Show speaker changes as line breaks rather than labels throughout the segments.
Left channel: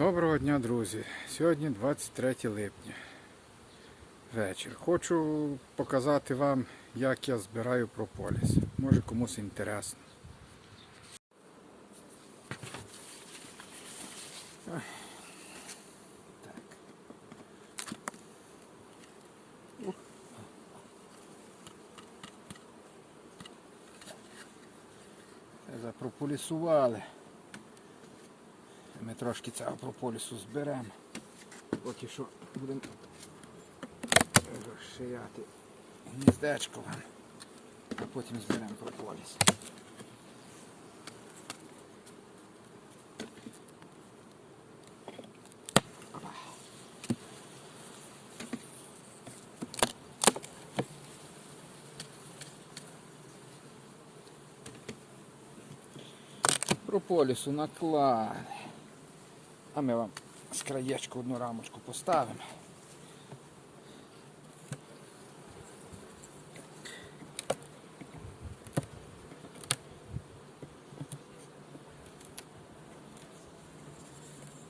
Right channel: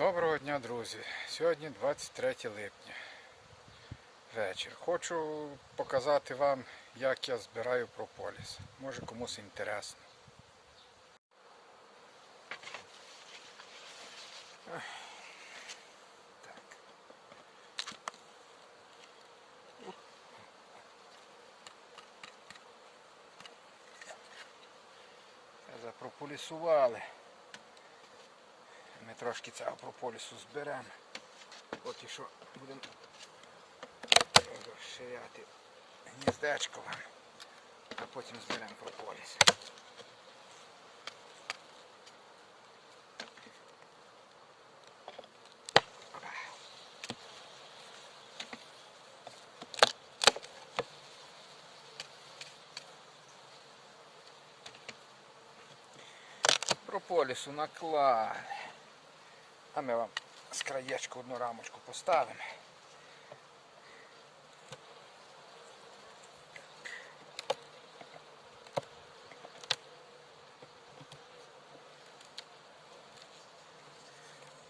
Доброго дня, друзі! Сьогодні 23 липня. Вечір. Хочу показати вам, як я збираю прополіс. Може комусь інтересно. Запрополісували. Трошки цього прополісу зберемо. Поки що будемо розширяти гніздечко вам, а потім зберемо прополіс. Прополісу наклали. А ми вам з краєчку одну рамочку поставимо.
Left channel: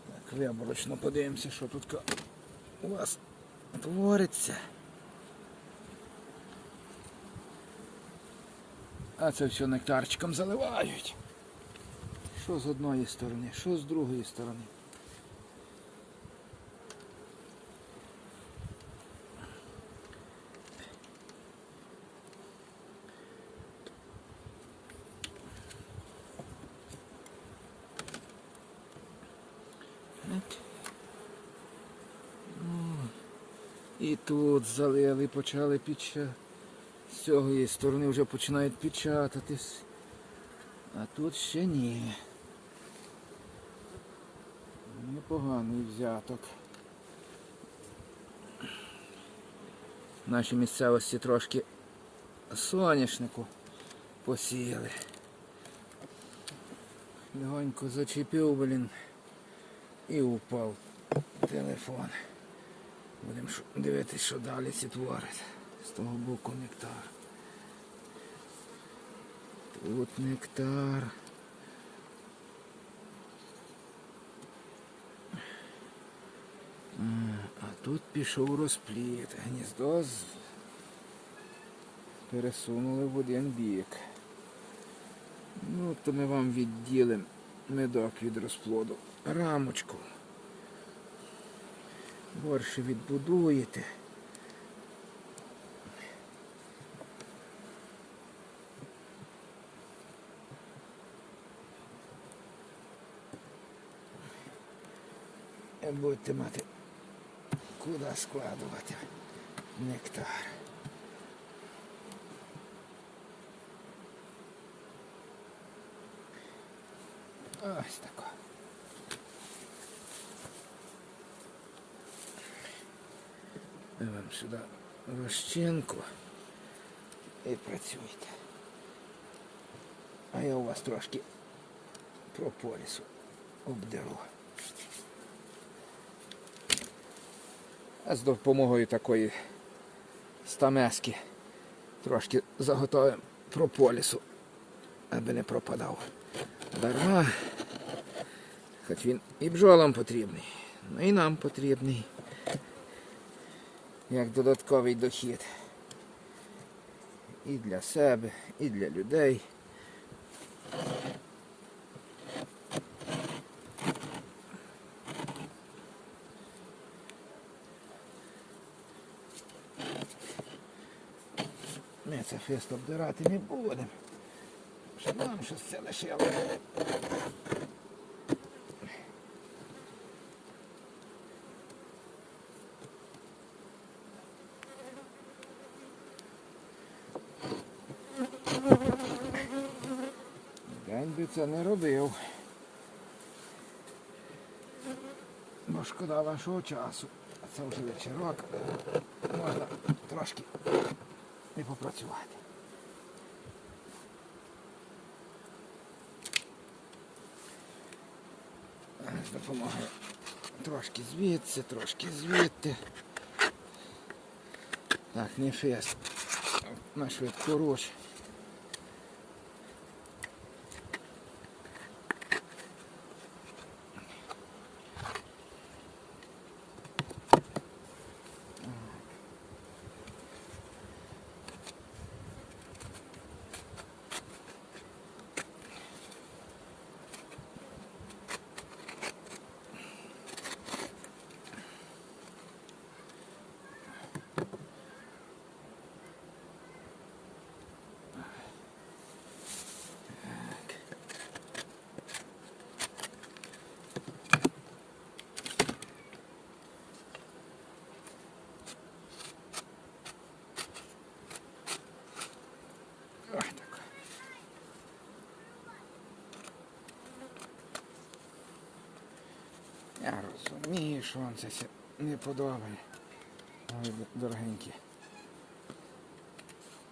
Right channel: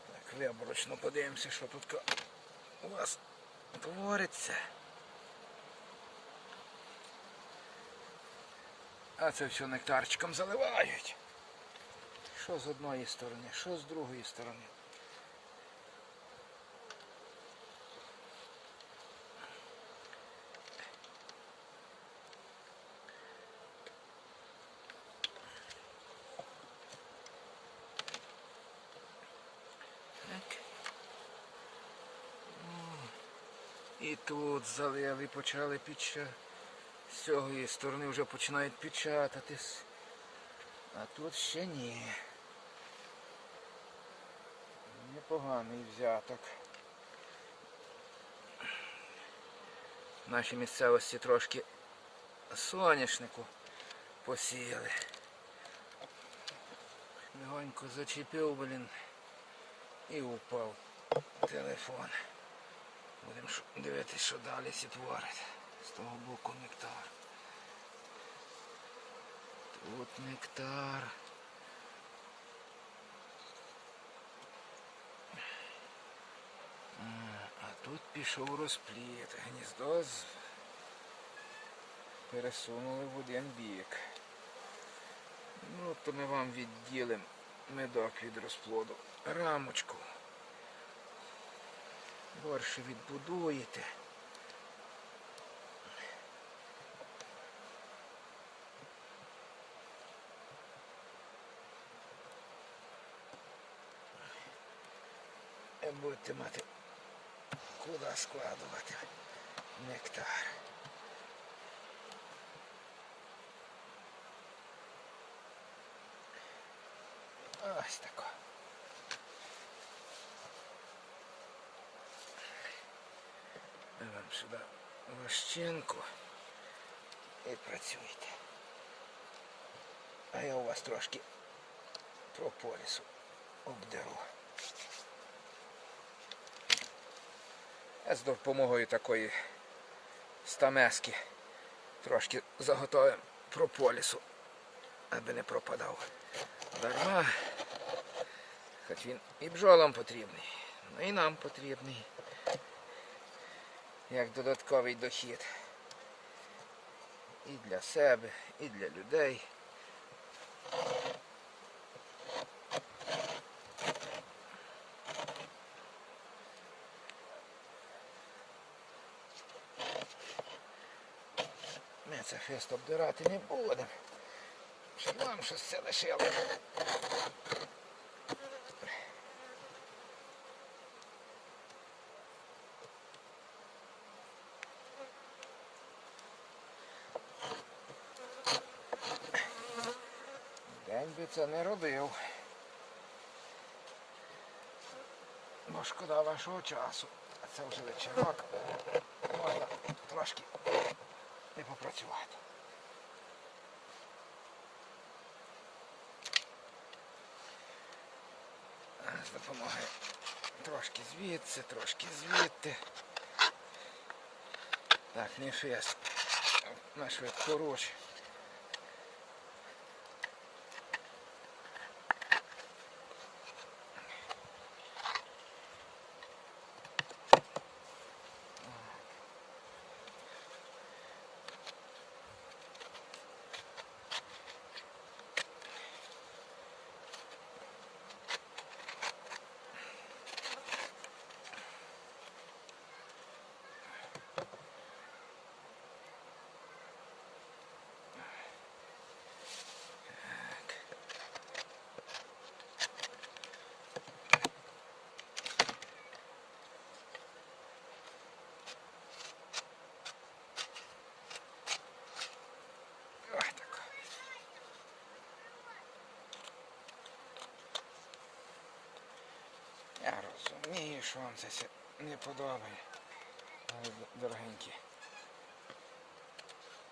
Так, виборочно подивимося, що тут у вас твориться. А це все нектарчиком заливають. Що з одної сторони, що з другої сторони. І тут залили, почали печатати. З цієї сторони вже починають печататись. А тут ще ні. Непоганий взяток. В нашій місцевості трошки соняшнику посіяли. Легонько зачепив, блін, і упав телефон. Будемо дивитися, що далі ці творить. З того боку нектар. Тут нектар. А, тут пішов розпліт. Гніздо з... пересунули в один бік. Ну, то ми вам відділимо медок від розплоду. Рамочку. Борше відбудуєте. Будете мати куди складувати нектар. Ось тако. Вам сюди лощинку і працюйте. А я у вас трошки прополісу обдеру. З допомогою такої стамески трошки заготовимо прополісу, аби не пропадав. Дарма. Хоч він і бджолам потрібний, ну і нам потрібний. Як додатковий дохід. І для себе, і для людей. Ми це фест обдирати не будемо. Щоб нам щось це лишило. Би це не робив. Бо шкода вашого часу. Це вже вечірок. Можна трошки не попрацювати. З допомогою трошки звідси, трошки звідти. Так, не фест. На швидку руч. Що вам це не подобає. Дорогенькі.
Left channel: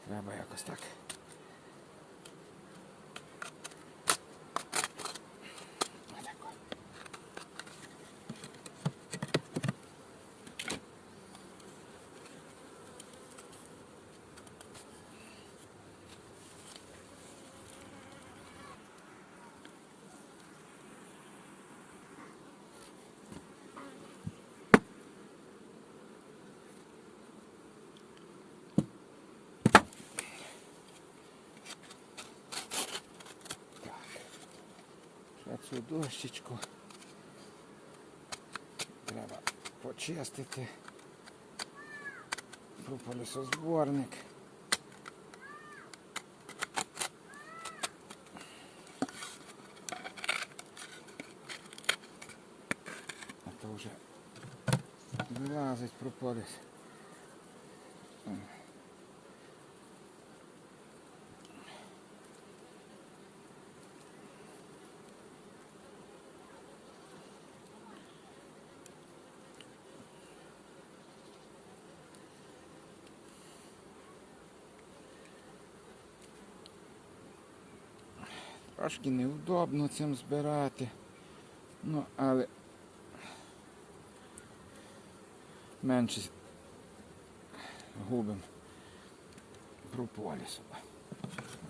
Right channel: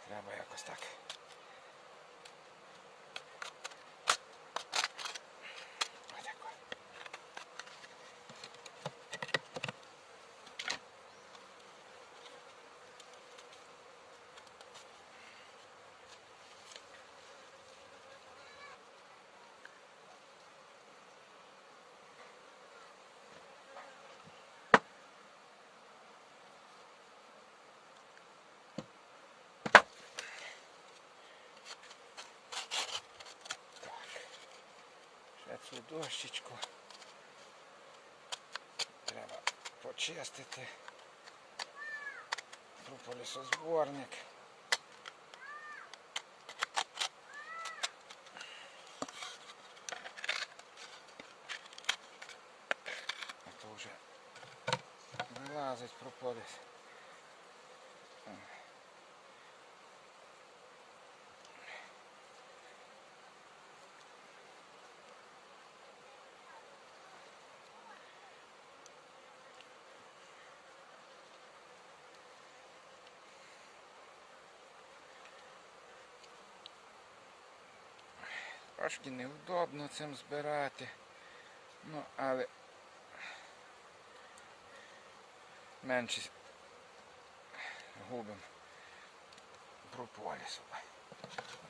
Треба якось так. Цю дощечку треба почистити. Прополісозборник. А то вже вилазить прополіс. Трошки невдобно цим збирати. Ну, але менше губим прополісу.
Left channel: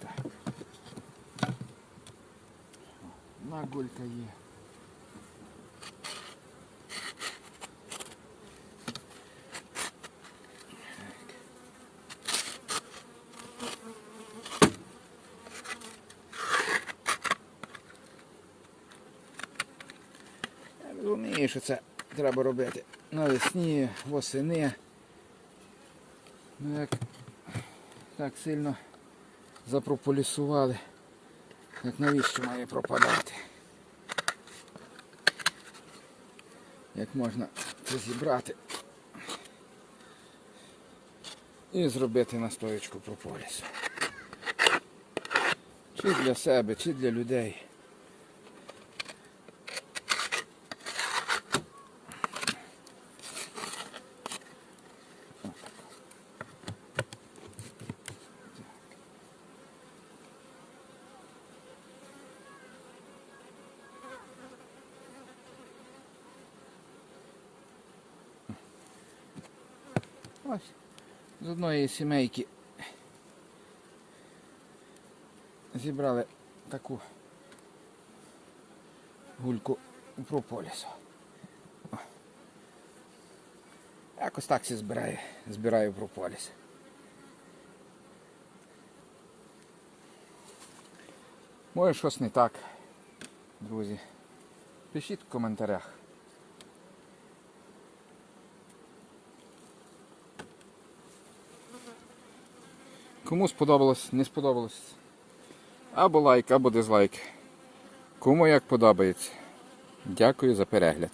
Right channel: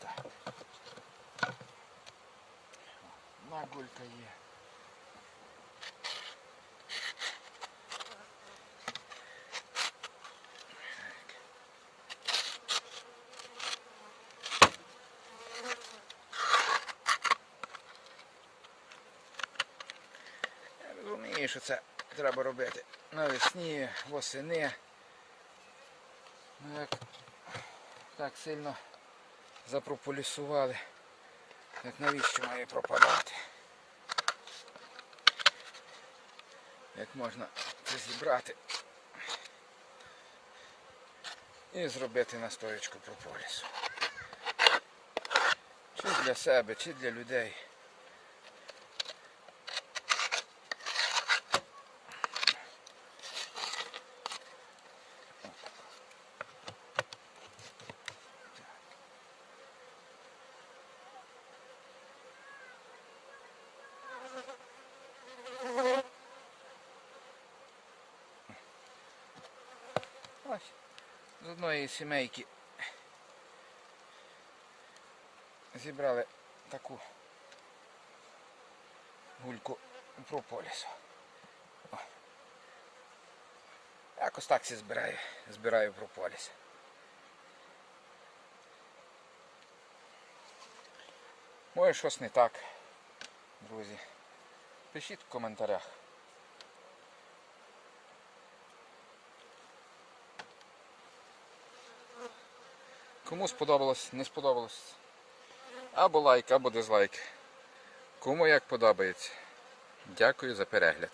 Так. Нагулька є. Я що це треба робити навесні, восени. Ну як так сильно запрополісували, як навіщо має пропадати. Як можна це зібрати і зробити настоечку прополісу. Чи для себе, чи для людей. Ось з одної сімейки зібрали таку гульку прополісу. Якось так всі збираю, збираю прополіс. Може щось не так, друзі. Пишіть в коментарях. Кому сподобалось, не сподобалось. Або лайк, або дизлайк. Кому як подобається. Дякую за перегляд.